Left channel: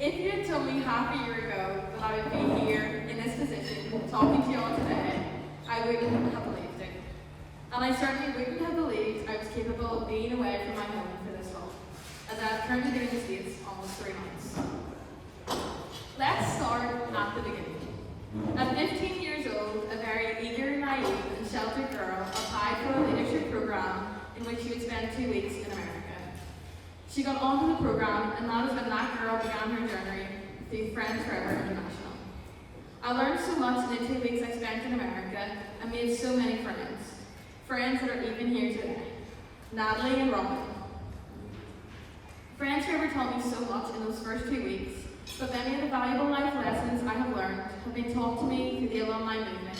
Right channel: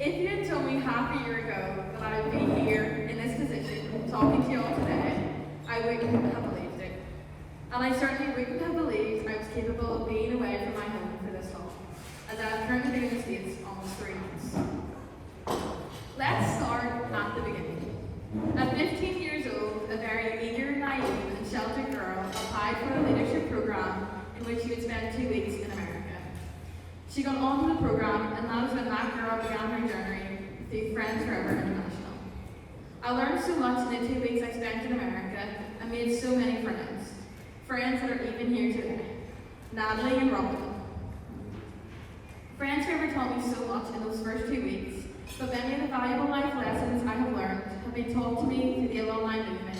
If you had told me half a year ago that I would be here in this position talking to you all today, I wouldn't have believed it. And I certainly wouldn't have believed I was capable of being away from my home for this long, as I've currently been in the States almost 3 months. Let's start at the beginning. At 15 years old, a very eager, naive, and sheltered girl applied for a leadership program in which she would spend 2 weeks in America. She got onto the program, and that is when that girl began her journey through Friends Forever International. I learned so much in the 2 weeks I spent in America and made so many friends. Friends that are even here today. Natalie and Robin. Friends Forever taught me so much in those first 2 weeks, but many of the valuable life lessons I have learned have been taught to me through the alumni movement.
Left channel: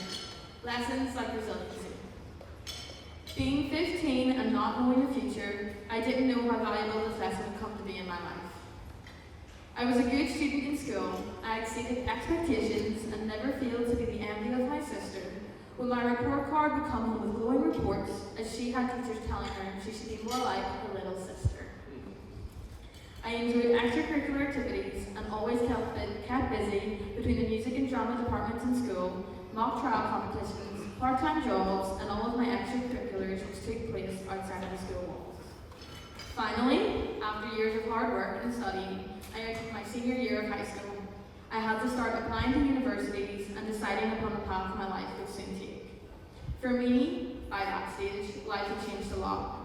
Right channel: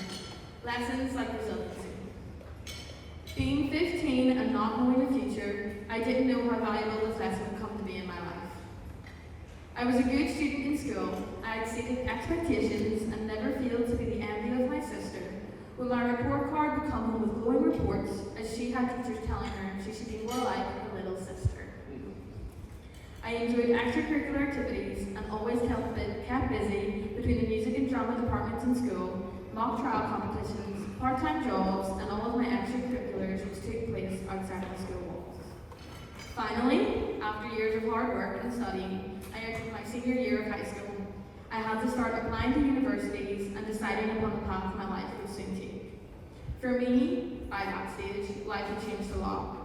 Lessons like resiliency. Being 15 and not knowing the future, I didn't know how valuable this lesson would come to be in my life. I was a good student in school. I exceeded expectations and never failed to be the envy of my sister, when my report card would come with glowing reports, as she had teachers telling her she should be more like her little sister. I enjoyed extracurricular activities and always kept busy between the music and drama departments in school, mock trial competitions, part-time jobs, and all of my extracurriculars which took place outside of the school walls. Finally, after years of hard work and studying, I entered my senior year of high school. I had to start applying to universities and deciding upon the path my life would soon take. For me, by that stage, life had changed a lot.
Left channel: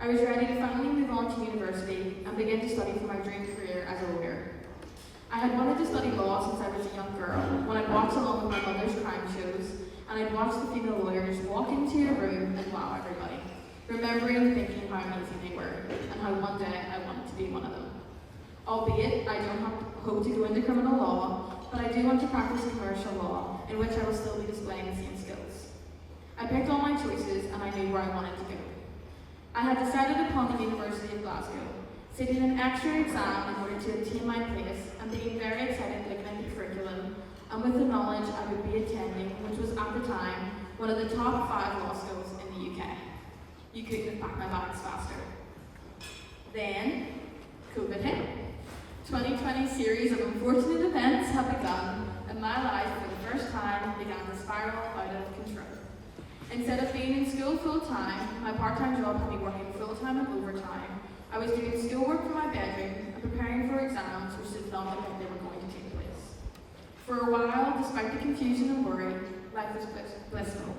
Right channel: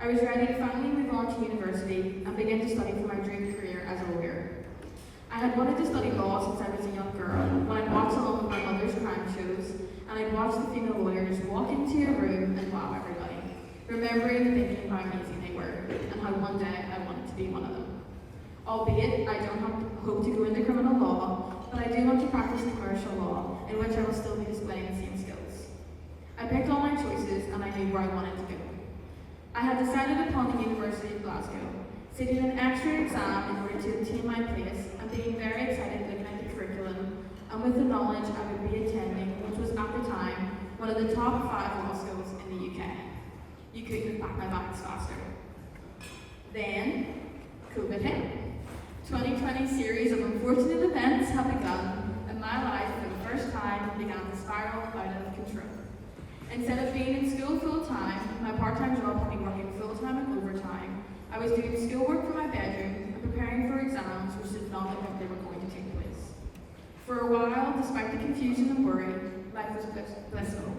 I was ready to finally move on to university and begin to study for my dream career as a lawyer. I had wanted to study law since I was a young girl, when I'd watched along with my mother's crime shows, and I'd watched the female lawyers walk into a room and wow everybody, remembering and thinking how amazing they were, and how one day I wanted to be one of them. Albeit, I don't hope to go into criminal law, but I do want to practice commercial law, in which I will still be displaying the same skills. I picked all my choices, and I knew where I wanted to go. I had decided upon the University of Glasgow, sitting an extra exam in order to obtain my place, and being very excited looking at the curriculum, and with the knowledge I would be attending, which was at the time one of the top 5 law schools in the UK. You couldn't have packed my bags faster. Then, COVID hit. 2020 series of unfortunate events have begun, and my life for the first time began to spiral out of control. Instead of being in school full-time, my part-time job had me working full-time and overtime. I was doing schoolwork from my bedroom and preparing for exams which did not look like they were going to take place. For a while, despite the confusion and worry, life was blissful.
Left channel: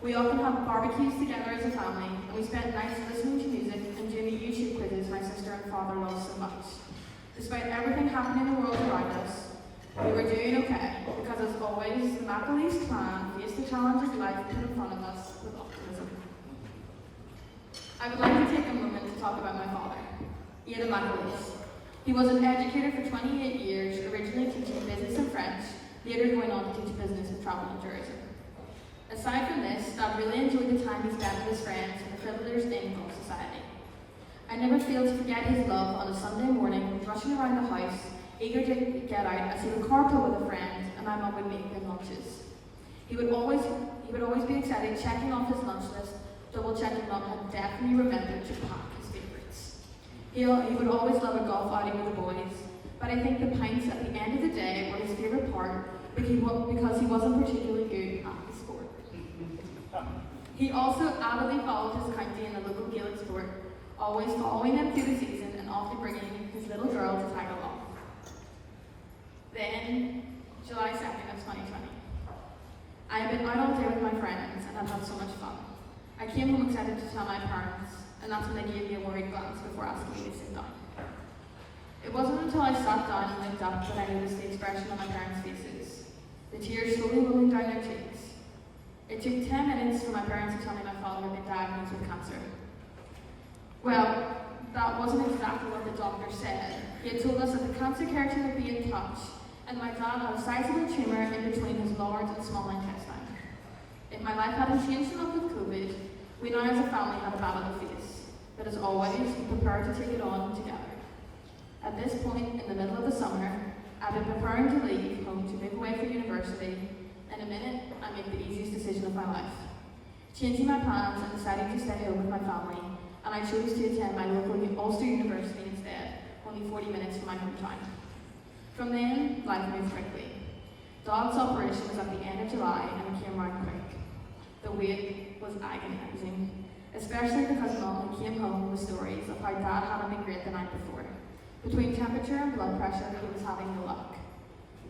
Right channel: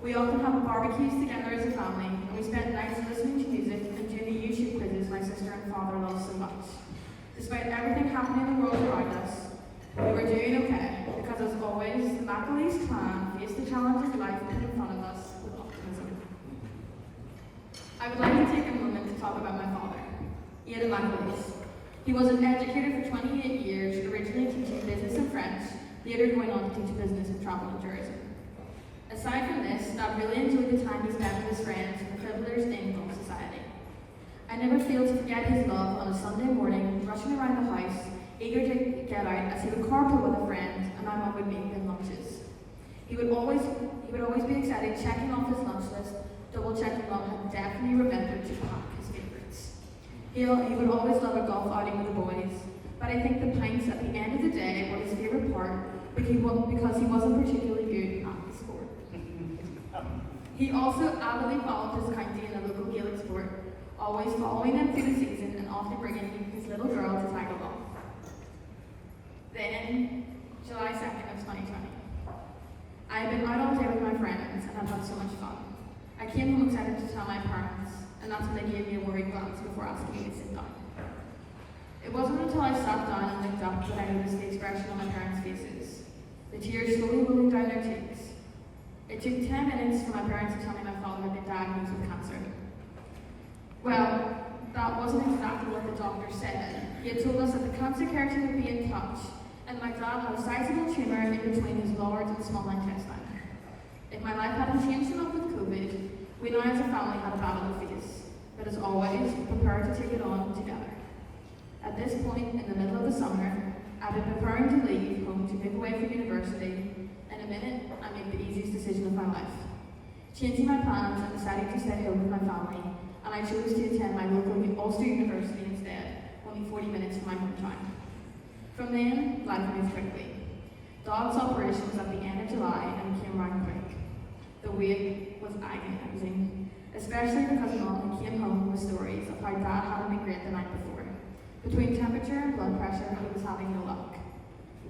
We often had barbecues together as a family, and we spent nights listening to music and doing the YouTube quizzes my sister and father loved so much. Despite everything happening in the world around us, we were doing okay, because as always, the Macaulay clan faced the challenges life put in front of us with optimism. I would like to take a moment to talk about my father, Eirinn. He was an educator for 28 years, originally teaching business and French, later going on to teach business and travel and tourism. Aside from this, Dad really enjoyed the time he spent with his friends and the privileged in society. I never failed to forget his love on a Sunday morning, rushing around the house, eager to get out as he would carpool with a friend, and my mum would make him lunches. He would always be excited, checking off his lunch list, double checking Mum had definitely remembered to pack his favourites. He would always love a golf outing with the boys, but I think the pints at the end of the day were his favourite part because he wasn't particularly good at the sport. He also avidly followed his county in a local Gaelic sport, always following him through the season and often bringing his little girl to tag along. Then, July 2nd of 2020. I had been out all day with my friends and I've had so much fun. I came home excited to tell my parents, and that's when they gave me a worried glance before asking me to sit down. It wasn't until I sat down and looked up that I noticed the expression on my parents' faces, the tears slowly rolling down their cheeks. It took 10 minutes for my parents to tell me my father had been diagnosed with cancer. Well, that wasn't exactly what the doctor said. He had told us that the cancer care team would be in touch, and my dad had a sizable tumour in between his large and small intestine. If my life hadn't changed enough with COVID, we now as a family had a battle to face, but as always, we prepared to take it on together. At this point, in the middle of the summer, I'd been preparing to leave home to move away from university. In a minute, I made the easiest decision of my life, changing my plans and deciding to stay home with my family, and I chose to attend my local Ulster University instead, only 40 minutes from my hometown. From then, life moved quickly. Dog's operation was at the end of July and it came round quick. The wait was agonizing, especially because Mum came home with stories of how Dad hadn't been great the night before. Between temperature and blood pressure, he was having no luck.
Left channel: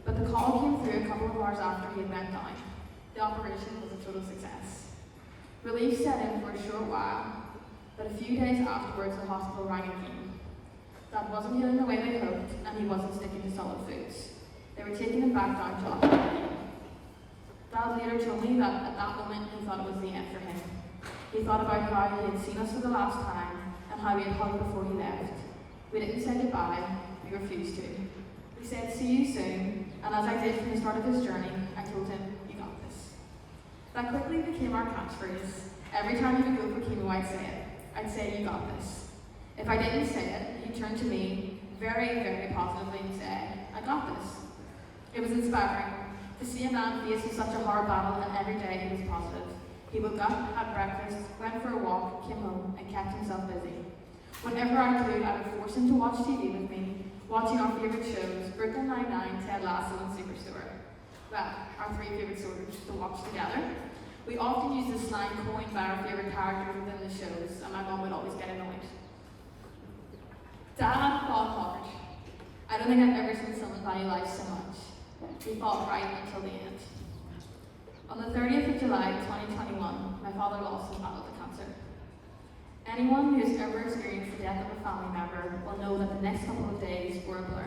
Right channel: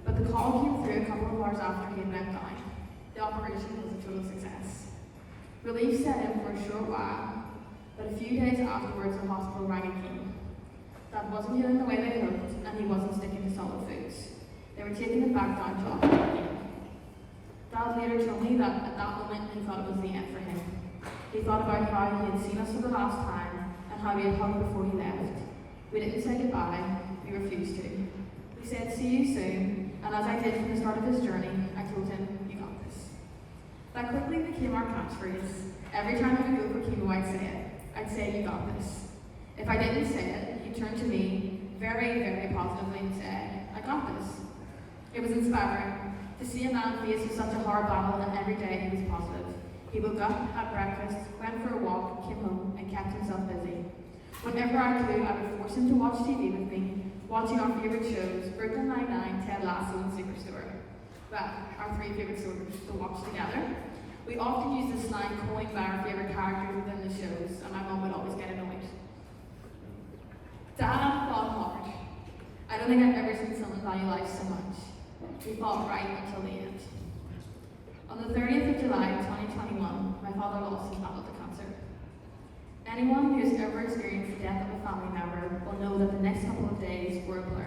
But the call came through a couple of hours after he had went down. The operation was a total success. Relief set in for a short while, but a few days afterwards the hospital rang again. Dad wasn't healing the way they hoped, and he wasn't sticking to solid foods. They were taking him back down to operation. Dad later told me that at that moment he thought it was the end for him. He thought about how he had seen us for the last time, and how we had hugged before he left. We didn't say goodbye, we refused to. We said, see you soon, and as I did from the start of his journey, I told him, you got this. That quickly became our catchphrase. Every time he would go for chemo, I'd say it. I'd say, you got this. If I didn't say it, he'd turn to me, very, very positively, and say, I got this. It was inspiring to see a man facing such a hard battle, and every day he was positive. He woke up, had breakfast, went for a walk, came home, and kept himself busy. Whenever I could, I would force him to watch TV with me, watching our favourite shows, Brooklyn Nine-Nine, Ted Lasso, and Superstore. Well, our three favourite shows to watch together. We often used the slang coined by our favourite characters within the shows, and my mum would always get annoyed. Dad fought hard. I don't think I've ever seen someone value life so much. We fought right until the end. On the 30th of July, 2021, my father lost his battle to cancer. Anyone who has ever experienced the death of a family member will know that the next couple of days were a blur.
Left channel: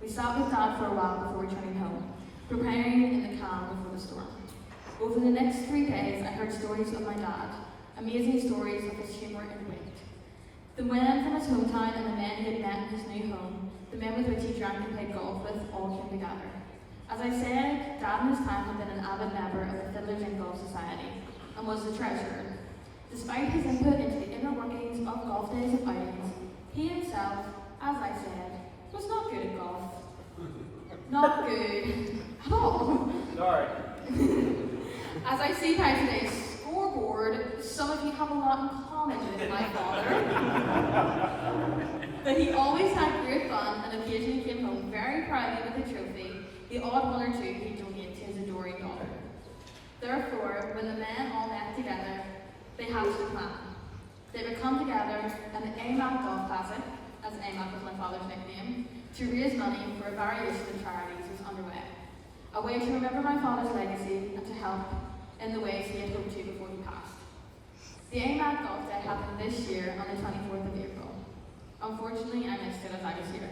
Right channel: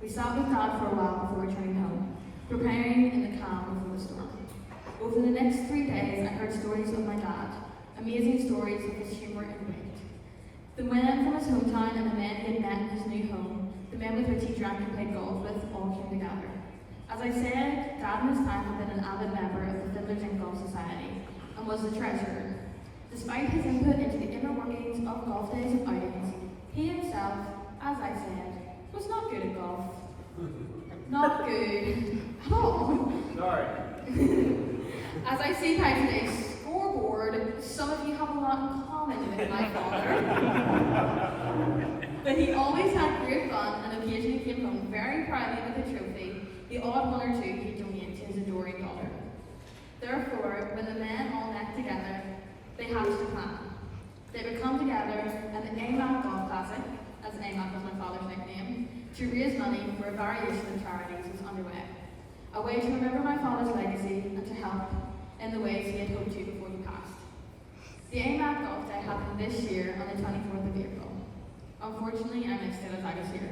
We sat with Dad for a while before returning home, preparing in the calm before the storm. Over the next 3 days, I heard stories of my dad, amazing stories of his humour and wit. The men from his hometown and the men he had met in his new home, the men with which he drank and played golf with, all came together. As I said, Dad in his time had been an avid member of the Fiddlers and Golf Society and was the treasurer. Despite his input into the inner workings of golf days and outings, he himself, as I said, was not good at golf. Not good at all. Sorry. As I see by today's scoreboard, some of you have a lot in common with my father. But he always had great fun and occasionally came home very proudly with a trophy, the odd one or two he donated to his adoring daughter. Therefore, when the men all met together, they hatched a plan. They would come together and the AMAC Golf Classic, as AMAC was my father's nickname, to raise money for a variation of charities was underway. A way to remember my father's legacy and to help in the ways he had hoped to before he passed. The AMAC Golf Day happened this year on the 24th of April. Unfortunately, I missed it as I was here.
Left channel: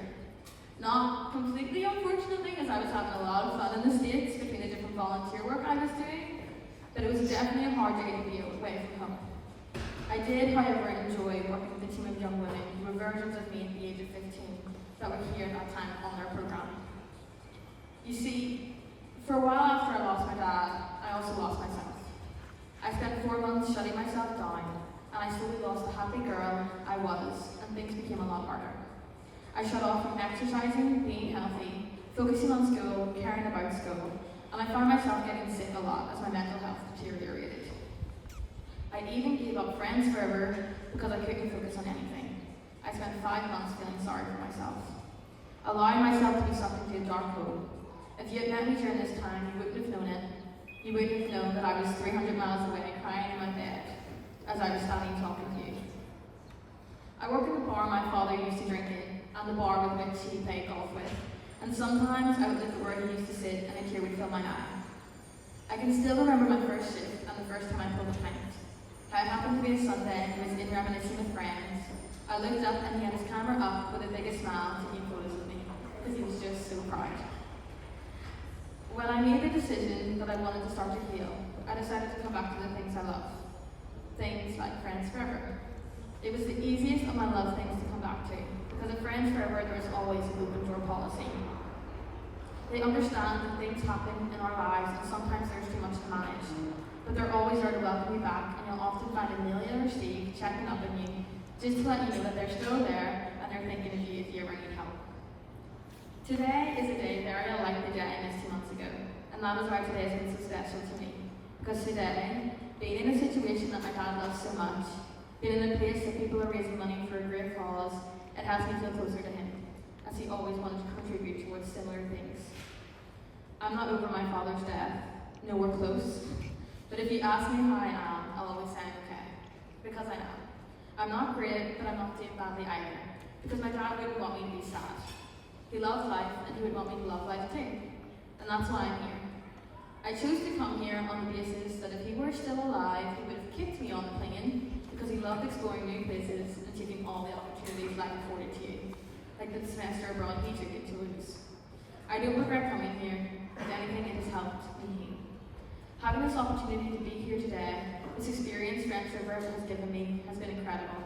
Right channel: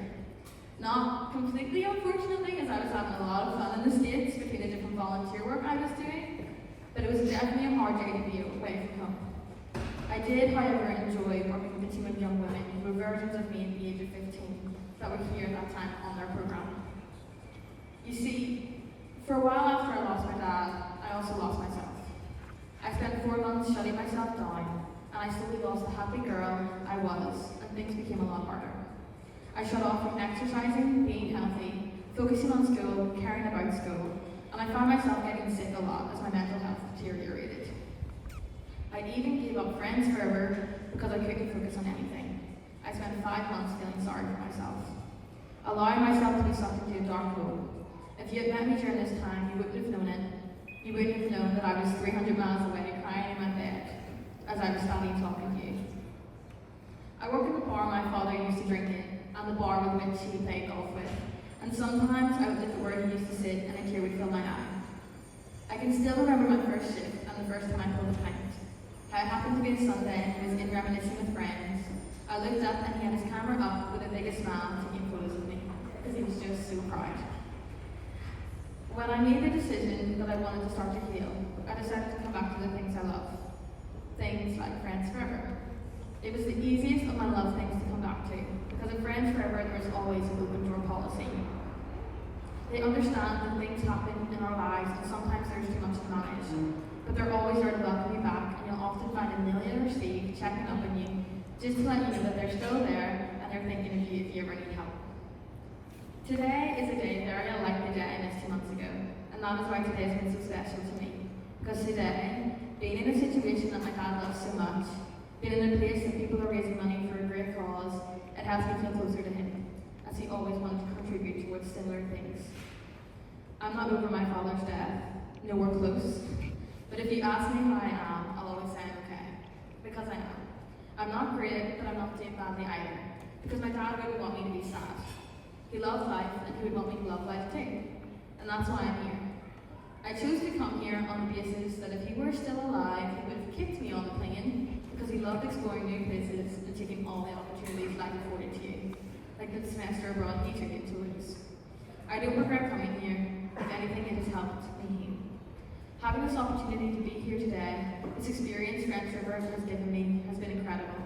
Not completely unfortunately, as I was having a lot of fun in the States between the different volunteer work I was doing, but it was definitely a hard day to be away from home. I did, however, enjoy working with a team of young women who were versions of me at the age of 15 that were here at that time on their program. You see, for a while after I lost my dad, I also lost myself. I spent 4 months shutting myself down, and I slowly lost the happy girl I was, and things became a lot harder. I shut off from exercising, being healthy, focusing on school, caring about school, and I found myself getting sick a lot as my mental health deteriorated. I even gave up friends forever because I couldn't focus on anything. I spent 5 months feeling sorry for myself, allowing myself to be sunk into a dark hole. If you had met me during this time, you wouldn't have known it. You wouldn't have known that I was 300 miles away crying in my bed as I was standing talking to you. I work in the bar my father used to drink in, and the bar with which he played golf with, and sometimes I would look where he used to sit and a tear would fill my eye. I can still remember my first shift and the first time I pulled a pint. How it happened to be a Sunday and he was in reminiscing with friends. I looked up and he had his camera up with the biggest smile taking photos of me, because he was just so proud. When I made the decision that I wanted to start to heal, I decided to come back to the things I love. Things like Friends Forever. It was the easiest of my love things to come back to, because at Friends Forever there's always an open door policy. They understand that things happen in our lives and sometimes there's too much to manage, but they're always there to welcome you back, and you'll often find a million or Steve checking up on you just to let you know that they're still there and they're thinking of you if you ever need help. Today is a day very unlike the day I missed 2 months ago, and that is why today has been so special to me. Because today, being in a situation that my dad loves so much, being in a place that people are raising money for a great cause, it helps me feel closer to him, as he always wanted to contribute towards because my dad wouldn't want me to be sad. He loved life, and he would want me to love life too. And that's why I'm here. I chose to come here on the basis that if he were still alive, he would have kicked me on the plane, because he loved exploring new places and taking all the opportunities life afforded to you, like the semester abroad he took it to lose. I don't regret coming here. If anything, it has helped me heal. Having this opportunity to be here today, this experience French River has given me, has been incredible.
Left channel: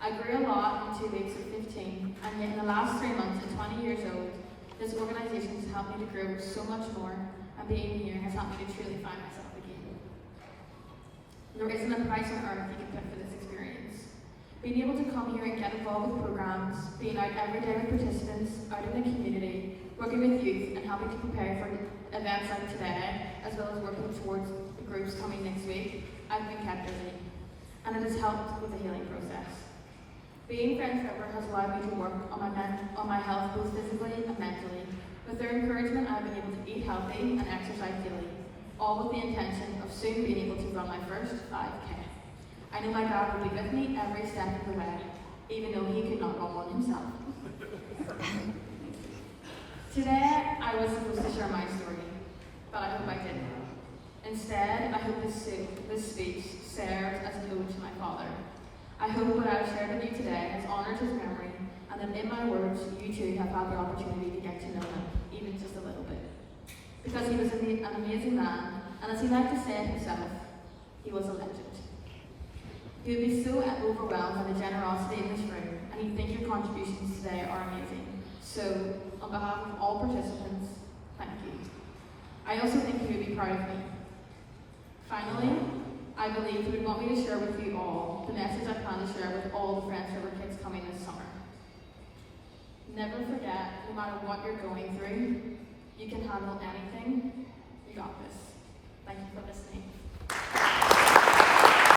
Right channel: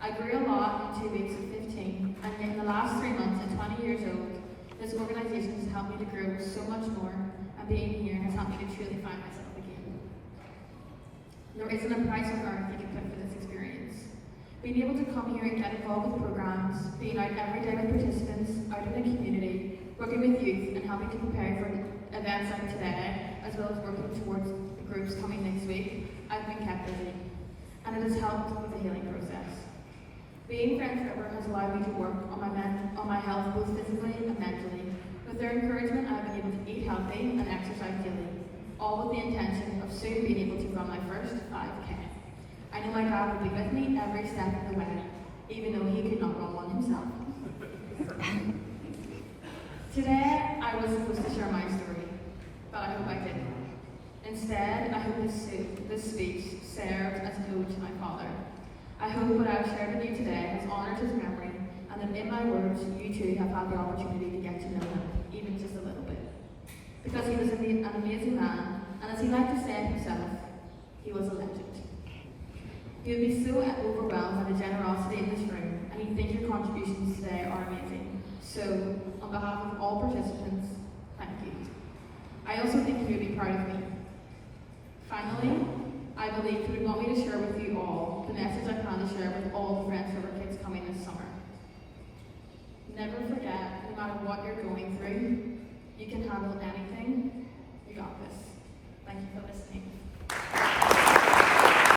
I grew a lot in 2 weeks at 15, and in the last 3 months at 20 years old, this organisation has helped me to grow so much more, and being here has helped me to truly find myself again. There isn't a price on earth you can put for this experience. Being able to come here and get involved with programs, being out every day with participants, out in the community, working with youth, and helping to prepare for events like today, as well as working towards the groups coming next week, I've been kept busy, and it has helped with the healing process. Being French River has allowed me to work on my health both physically and mentally. With their encouragement, I've been able to eat healthy and exercise daily, all with the intention of soon being able to run my first 5K. I know my dad will be with me every step of the way, even though he could not run one himself. Today, I was supposed to share my story, but I hope I didn't. Instead, I hope this speech serves as an ode to my father. I hope what I've shared with you today has honoured his memory, and that in my words, you too have had the opportunity to get to know him, even just a little bit. Because he was an amazing man, and as he liked to say himself, he was a legend. You would be so overwhelmed by the generosity in this room, and you think your contributions today are amazing. So, on behalf of all participants, thank you. I also think you would be proud of me. Finally, I believe he would want me to share with you all the message I plan to share with all the French River kids coming this summer. Never forget, no matter what you're going through,